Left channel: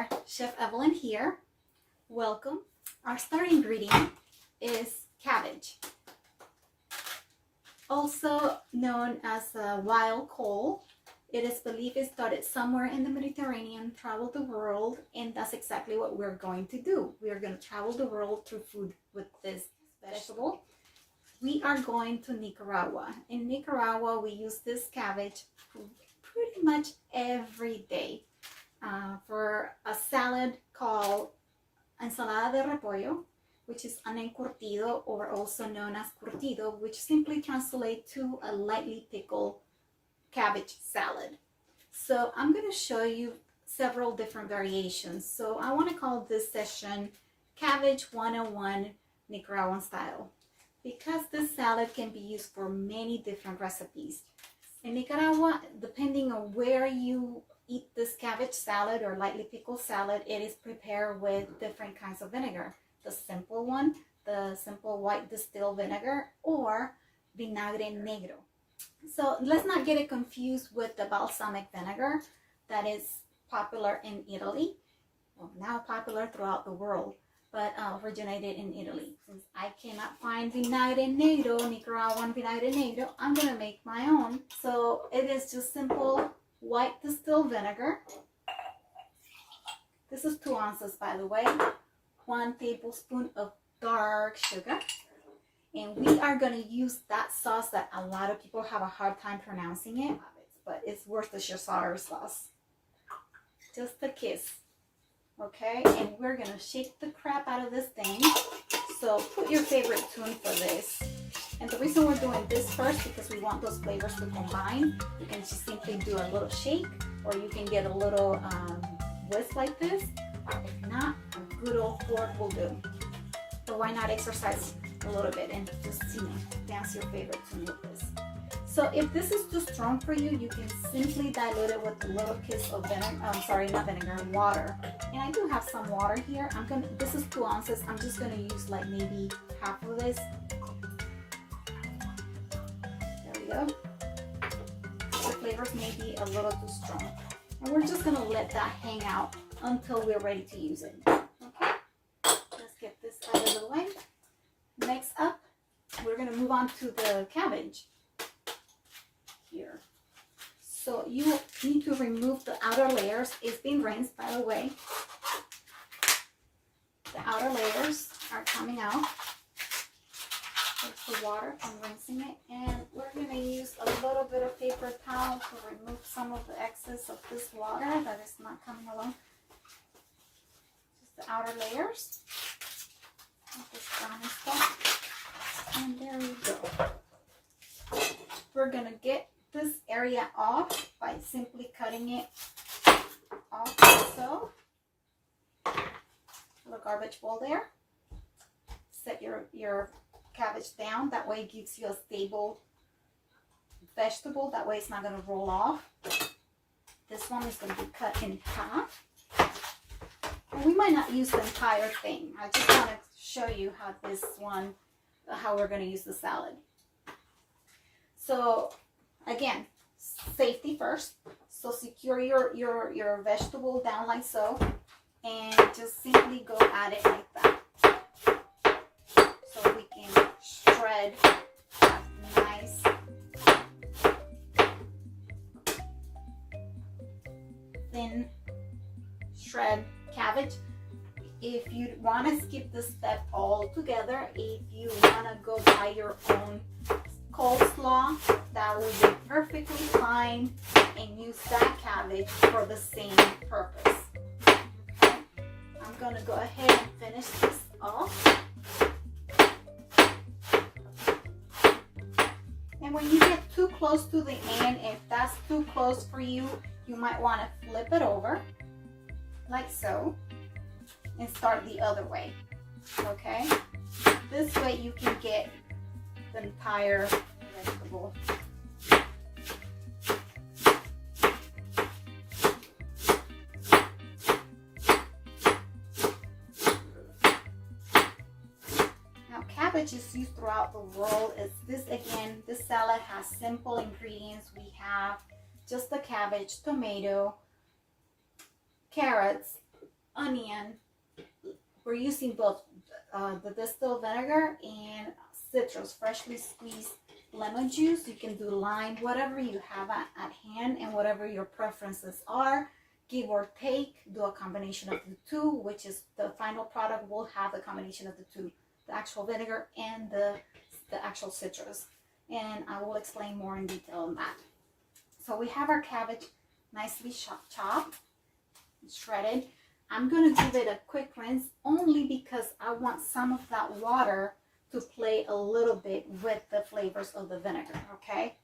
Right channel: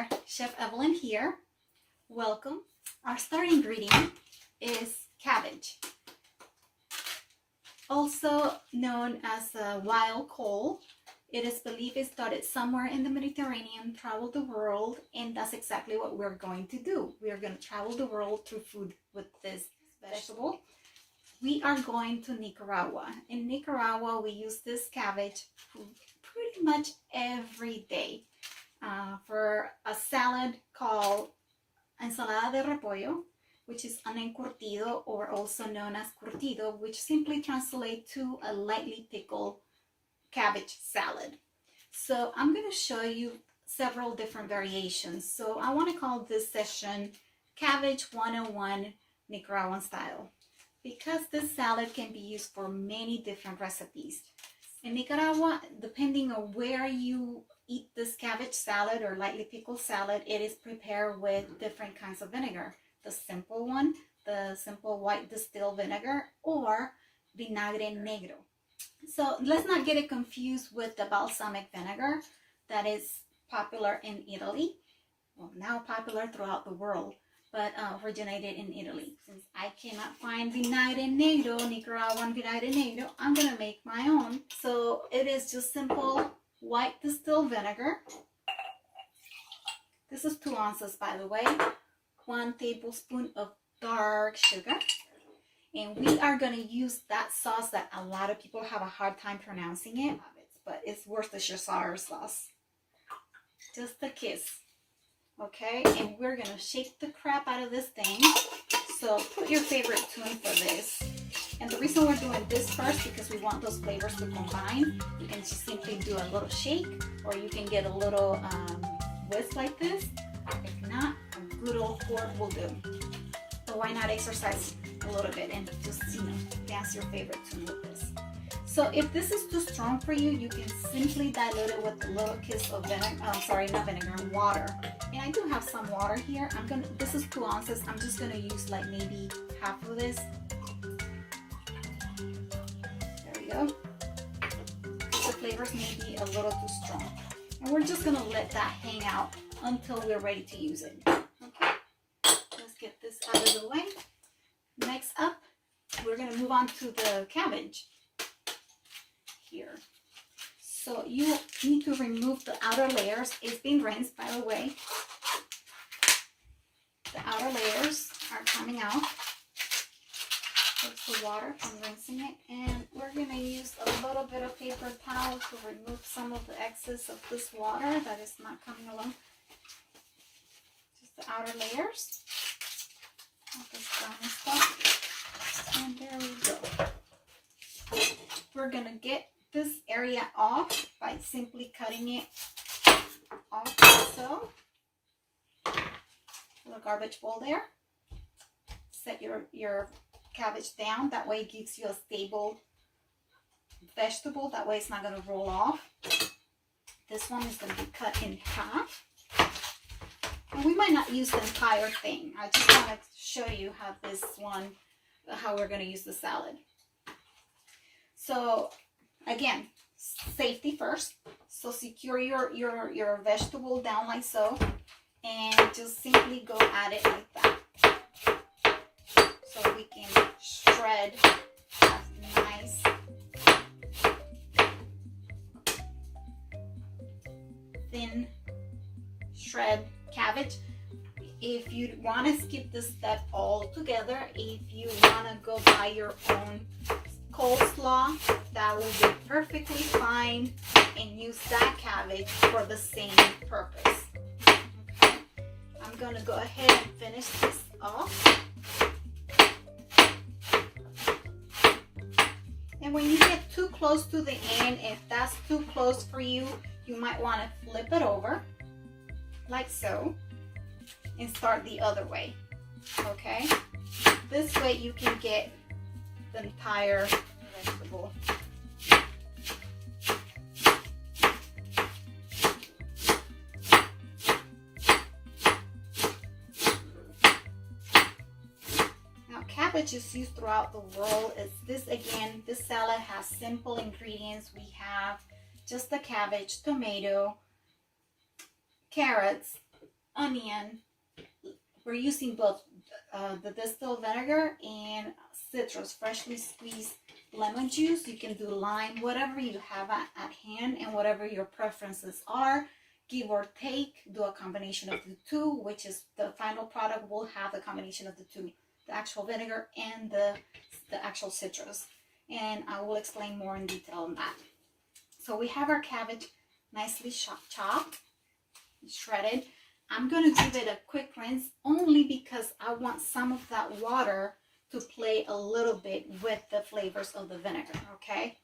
there, Chef Evelyn here. Welcome. Our starting ingredient is cabbage, also known as wild cole. It is believed it started somewhere in the Mediterranean, traveled the world, and that's exactly what we're going to do. We are going to travel the world through food with this vegetable. We are going to Nicaragua. In Nicaragua, we use this cabbage pretty much every day for a salad called ensalada de repollo, which is an encurtido, or also known as curtido, which simply translates to a lightly pickled cabbage salad. So I'm going to show you several different variations. So I want to call this session Cabbage 101 Nicaraguan Style, because this salad can be used for many different recipes. In Nicaragua, depending on where you eat this cabbage salad or lightly pickled salad, it is prepared with different kinds of vinegar. The simple one, the simple white distilled vinegar, or vinagre negro. So let's not get it confused with the balsamic vinegar that is popular in Italy, well, now popular throughout the world, but originated in Italy. Since I cannot find vinagre negro, Nicaraguan vinagre negro, I'm gonna make my own. So it is just simple white distilled vinegar. This is 2 ounces, by the way. 1 tablespoon of dark sugar. And we are going to use that sauce that a lot of people have a hard time pronouncing it, but it's Worcestershire sauce. Just a kiss. Okay, and we're going to shake the crap out of this thing. So put your favorite tune for this. And the reason we're doing this first, because we want those flavors to combine. You can just simply do a little shake, or you can get a little whisk like this. If not, a good old fork will do. So why not exercise a little bit and just, dance your favorite tune with this. So if this is too strong for you, you can simply dilute it with a little kiss of water. And I do have some water here. This is 2 ounces. I'm just gonna use like maybe half of this. There we go. The flavors may be a little too strong. And we're just gonna let that hang out until we're ready to use it. Okay, let's get this out of the way. Next up, we're gonna move on to the cabbage here. So you need to remove the outer layers. It's been rinsed, by the way. The outer layers are coming out. That's the water from rinsing it. And we're gonna use a little bit of paper towel to remove some of the excess of this water that is not coming along. Just the outer layers of this browny stuff. And there we go. We're gonna get this area off by simply cutting it off like so. A garbage bowl there. Set your cabbage down. That way it gives you a stable vegetable. That way it's not going to roll off. This one is going to be cut in half. And we might not use the entire thing. I just want to show you how we're going to use the salad. So again, safety first. So secure your vegetable down like so, and just simply go at it like that. So we can shred that nice thin shred cabbage. If you want to skip this step altogether, if you want to go buy your own coleslaw, that will be perfectly fine, and use that cabbage for the same purpose. Okay, I'm gonna go ahead and finish this off. And when you get too close to the end, if that's too close for you, you might want to flip it over like so and start the other way. Okay, this way you can get the entire vegetable. Now cabbage is used throughout the world. This salad has simple ingredients. We have just the cabbage, tomato, carrots, onion. We're using both the distilled vinegar and citrus, freshly squeezed lemon juice. You can do lime, whatever you have at hand and whatever your preferences are. Give or take, do a combination of the two, which is the final product will have the combination of the two, the actual vinegar and the actual citrus. And I will explain more in detail on that. So we have our cabbage nicely chopped, shredded. I'm going to give it a quick rinse only because I want some of that water to play a little bit with the flavors of the vinegar, okay?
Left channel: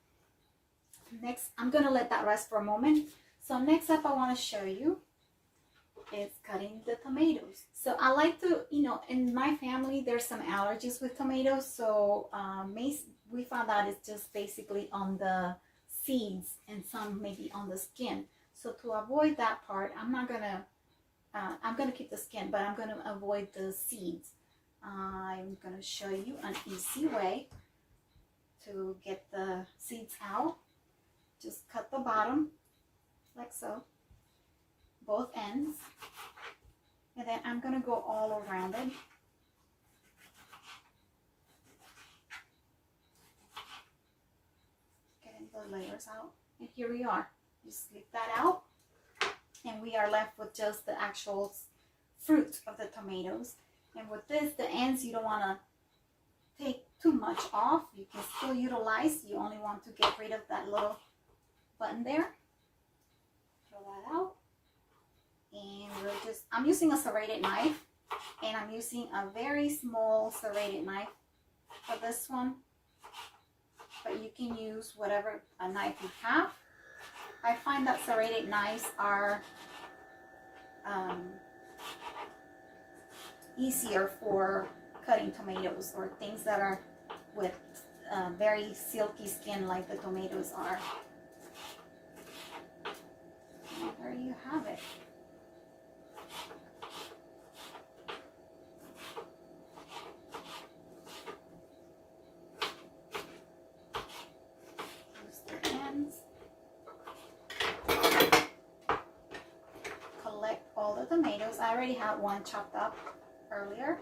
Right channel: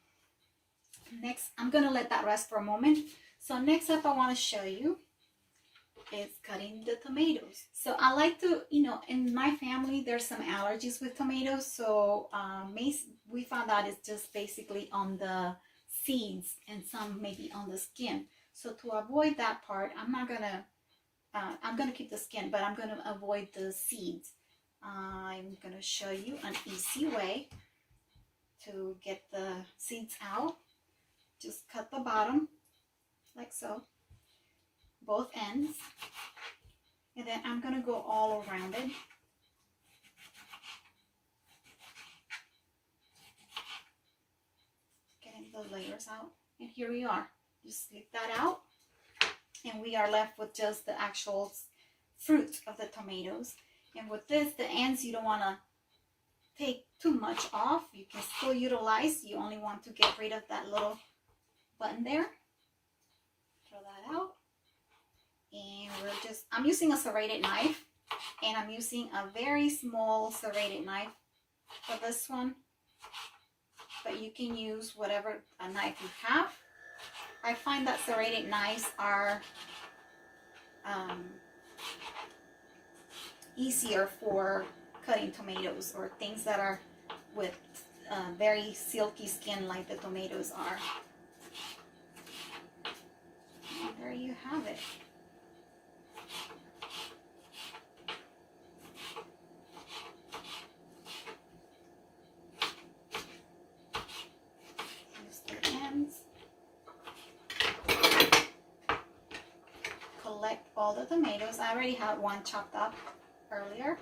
Next, I'm going to let that rest for a moment. So next up, I want to show you is cutting the tomatoes. So I like to, in my family, there's some allergies with tomatoes. So we found out it's just basically on the seeds and some maybe on the skin. So to avoid that part, I'm going to keep the skin, but I'm going to avoid the seeds. I'm going to show you an easy way to get the seeds out. Just cut the bottom like so, both ends, and then I'm going to go all around it. Getting the layers out, and here we are. Just slip that out, and we are left with just the actual fruit of the tomatoes. And with this, the ends, you don't want to take too much off. You can still utilize. You only want to get rid of that little button there. Throw that out. And I'm using a serrated knife. And I'm using a very small serrated knife for this one. But you can use whatever a knife you have. I find that serrated knives are easier for cutting tomatoes or things that are with very silky skin like the tomatoes are. And there you have it. Use the ends. Collect all the tomatoes. I already had one chopped up earlier.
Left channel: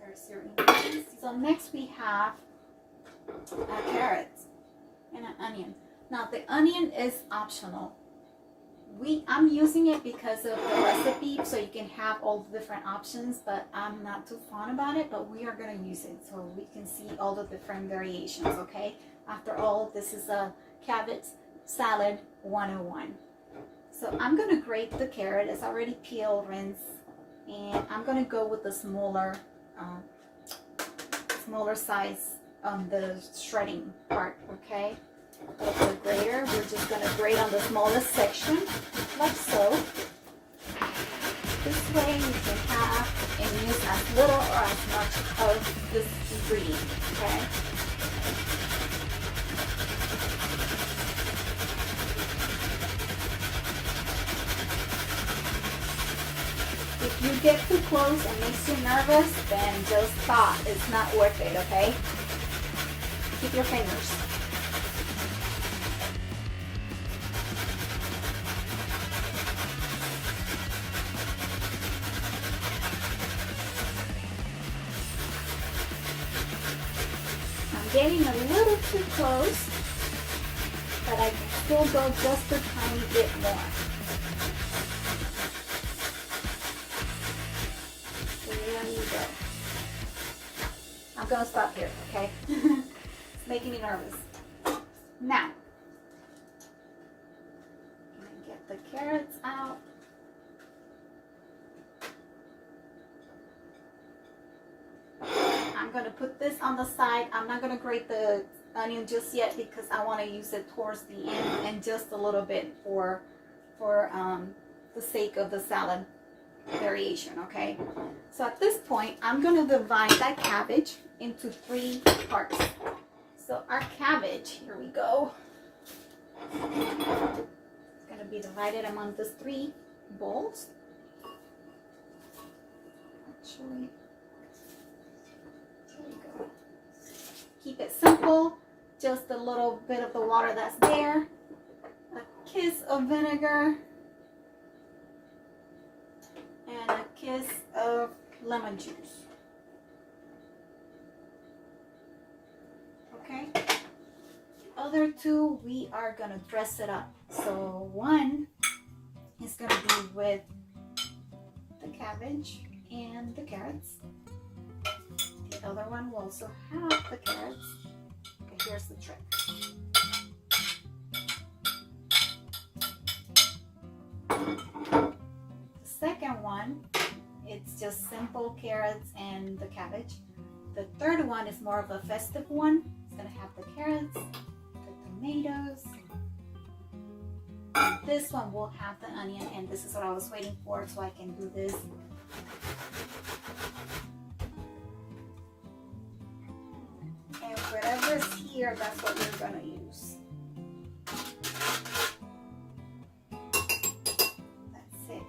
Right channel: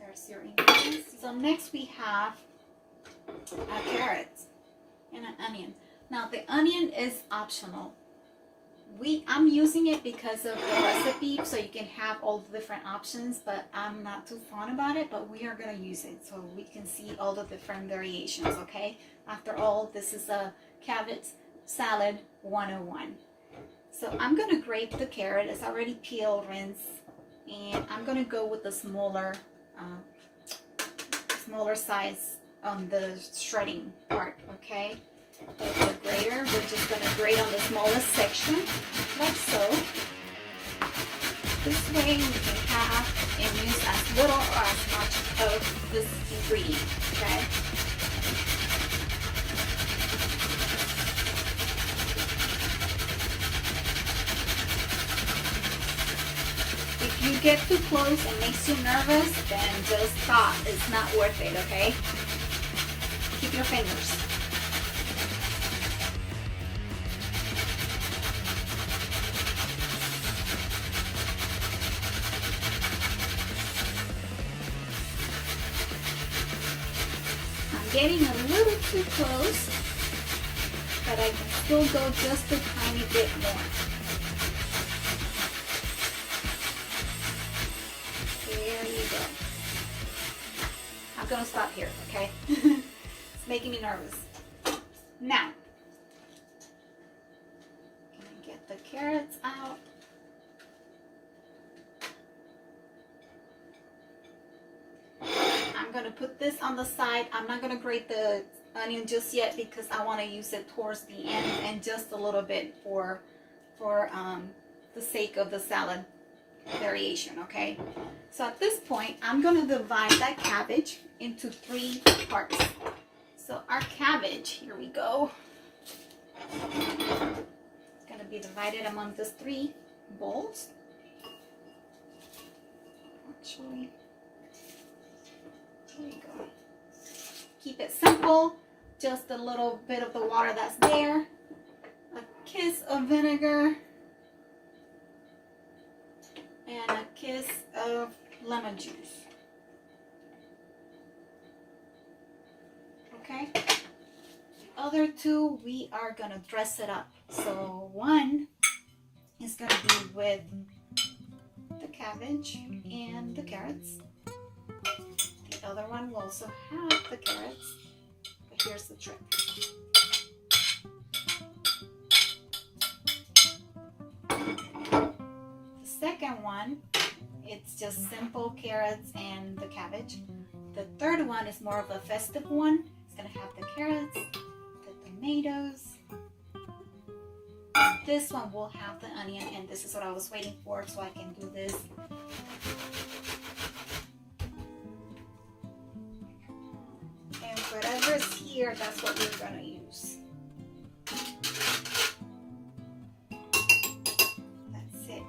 There's your ingredients. So next we have carrots and an onion. Now the onion is optional. I'm using it because of the recipe, so you can have all the different options, but I'm not too fond about it, but we are going to use it so we can see all the different variations, okay? After all, this is a cabbage salad 101. So I'm going to grate the carrot. It's already peeled, rinsed, and I'm going to go with the smaller size on the shredding part, okay? With the grater, we're just going to grate on the smallest section, like so. This way you can have and use as little or as much of this ingredient, okay? If you get too close and makes you nervous, then just stop. It's not worth it, okay? Keep your fingers. I'm getting a little too close, but I can still go just a tiny bit more. There you go. I'm gonna stop here, okay? It's making me nervous. Now, gonna get the carrots out. I'm gonna put this on the side. I'm not gonna grate the onion just yet because I want to use it towards the end and just a little bit for the sake of the salad variation, okay? So at this point, I'm going to divide that cabbage into 3 parts. So our cabbage, here we go. It's going to be divided among these 3 bowls. Actually, there you go. Keep it simple. Just a little bit of the water that's there. A kiss of vinegar. and a kiss of lemon juice. Okay, other two we are gonna dress it up. So one is gonna be with the cabbage and the carrots. The other one will also have the carrots, but here's the trick. The second one, it's just simple carrots and the cabbage. The third one is more of a festive one. It's gonna have the carrots, the tomatoes. And this one will have the onion, and this is what I was waiting for so I can do this. And whatever's here, that's what we're gonna use. That's it.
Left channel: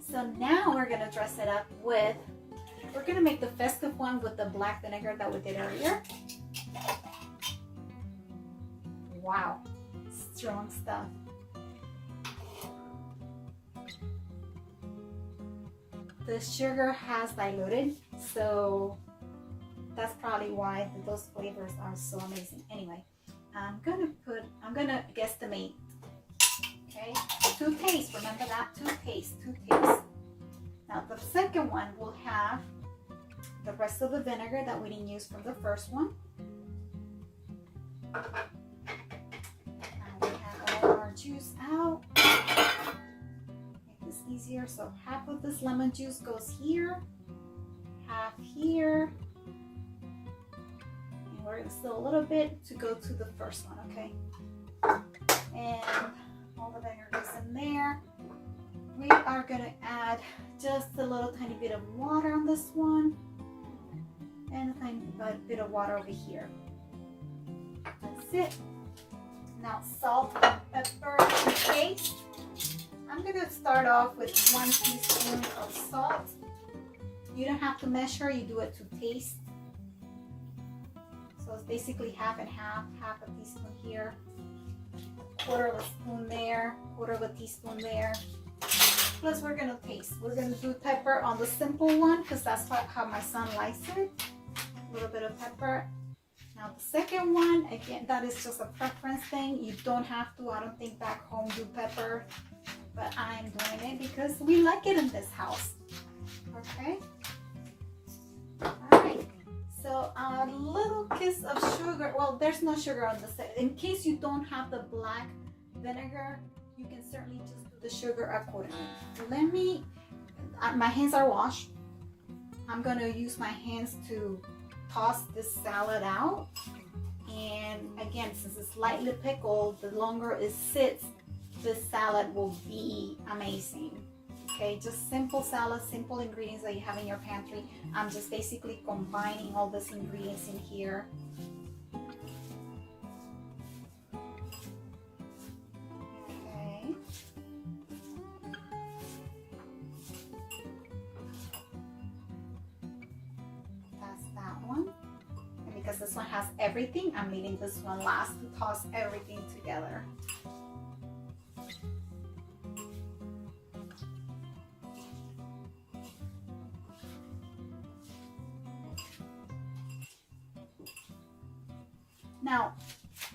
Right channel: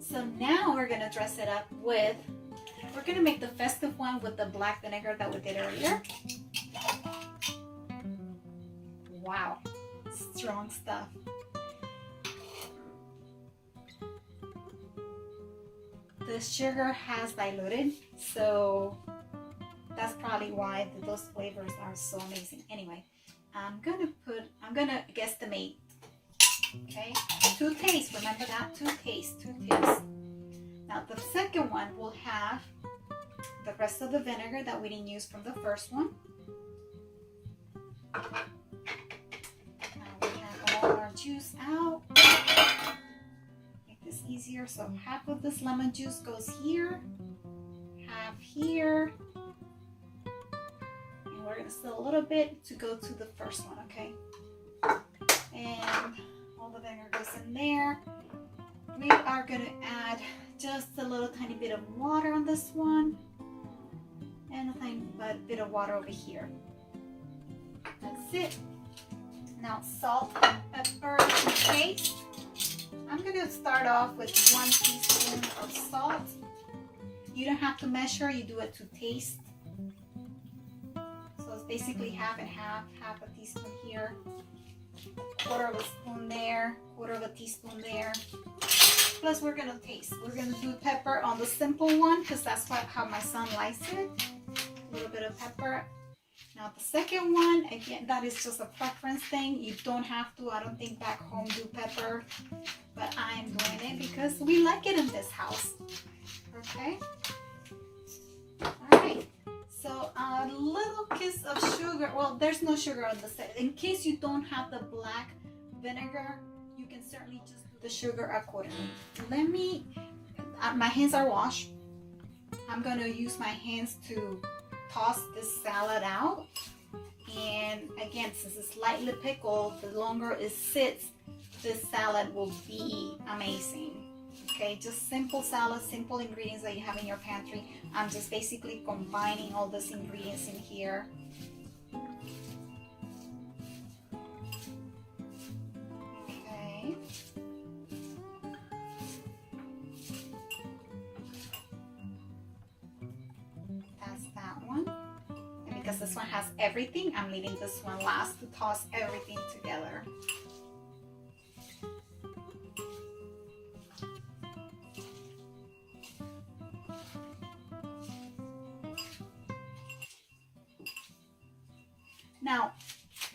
So now we're gonna dress it up with, we're gonna make the festive one with the black vinegar that we did earlier. Wow, strong stuff. The sugar has diluted, so that's probably why those flavors are so amazing. Anyway, I'm gonna guesstimate. Okay, 2 tastes. Remember that, 2 tastes. Now the second one will have the rest of the vinegar that we didn't use from the first one. Now we have all our juice out. Make this easier. So half of this lemon juice goes here, half here. And we're gonna still a little bit to go to the first one, okay? And all the vinegar goes in there. We are gonna add just a little tiny bit of water on this one, and a tiny bit of water over here. That's it. Now salt, pepper, and taste. I'm gonna start off with 1 teaspoon of salt. You don't have to measure, you do it to taste. So it's basically half and half, half a teaspoon here, 1/4 of a spoon there, 1/4 of a teaspoon there. Plus we're gonna taste. We're gonna do pepper on the simple one because that's how my son likes it. A little bit of pepper. Now the second one, again, that is just a preference thing. You don't have to, I don't think back home do pepper, but I'm doing it because we like it in this house. Okay. All right. So a little kiss of sugar. Well, there's no sugar on this. In case you don't have the black vinegar, you can certainly just do the sugar accordingly. Let me, my hands are washed. I'm gonna use my hands to toss this salad out. And again, since it's lightly pickled, the longer it sits, this salad will be amazing. Okay, just simple salad, simple ingredients that you have in your pantry. I'm just basically combining all these ingredients in here. Okay. That's that one. And because this one has everything, I'm leaving this one last to toss everything together. Now,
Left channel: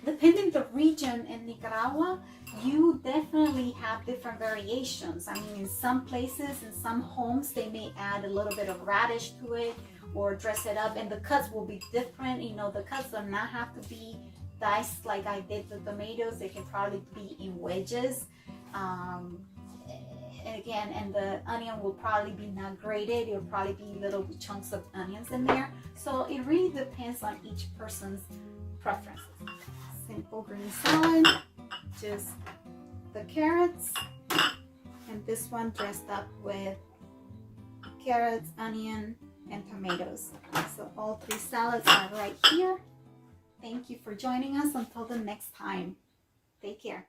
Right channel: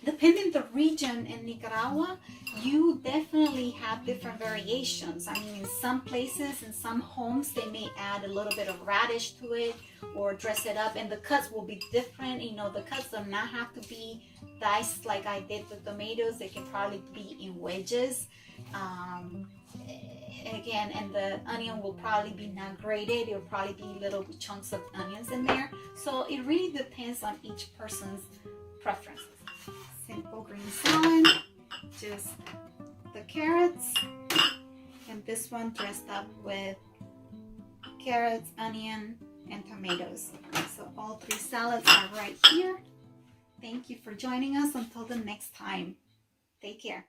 depending the region in Nicaragua, you definitely have different variations. I mean, in some places, in some homes, they may add a little bit of radish to it or dress it up, and the cuts will be different. You know, the cuts do not have to be diced like I did the tomatoes. They can probably be in wedges. Again, and the onion will probably be not grated. It will probably be little chunks of onions in there. So it really depends on each person's preferences. Simple green salad, just the carrots, and this one dressed up with carrots, onion, and tomatoes. So all 3 salads are right here. Thank you for joining us. Until the next time, take care.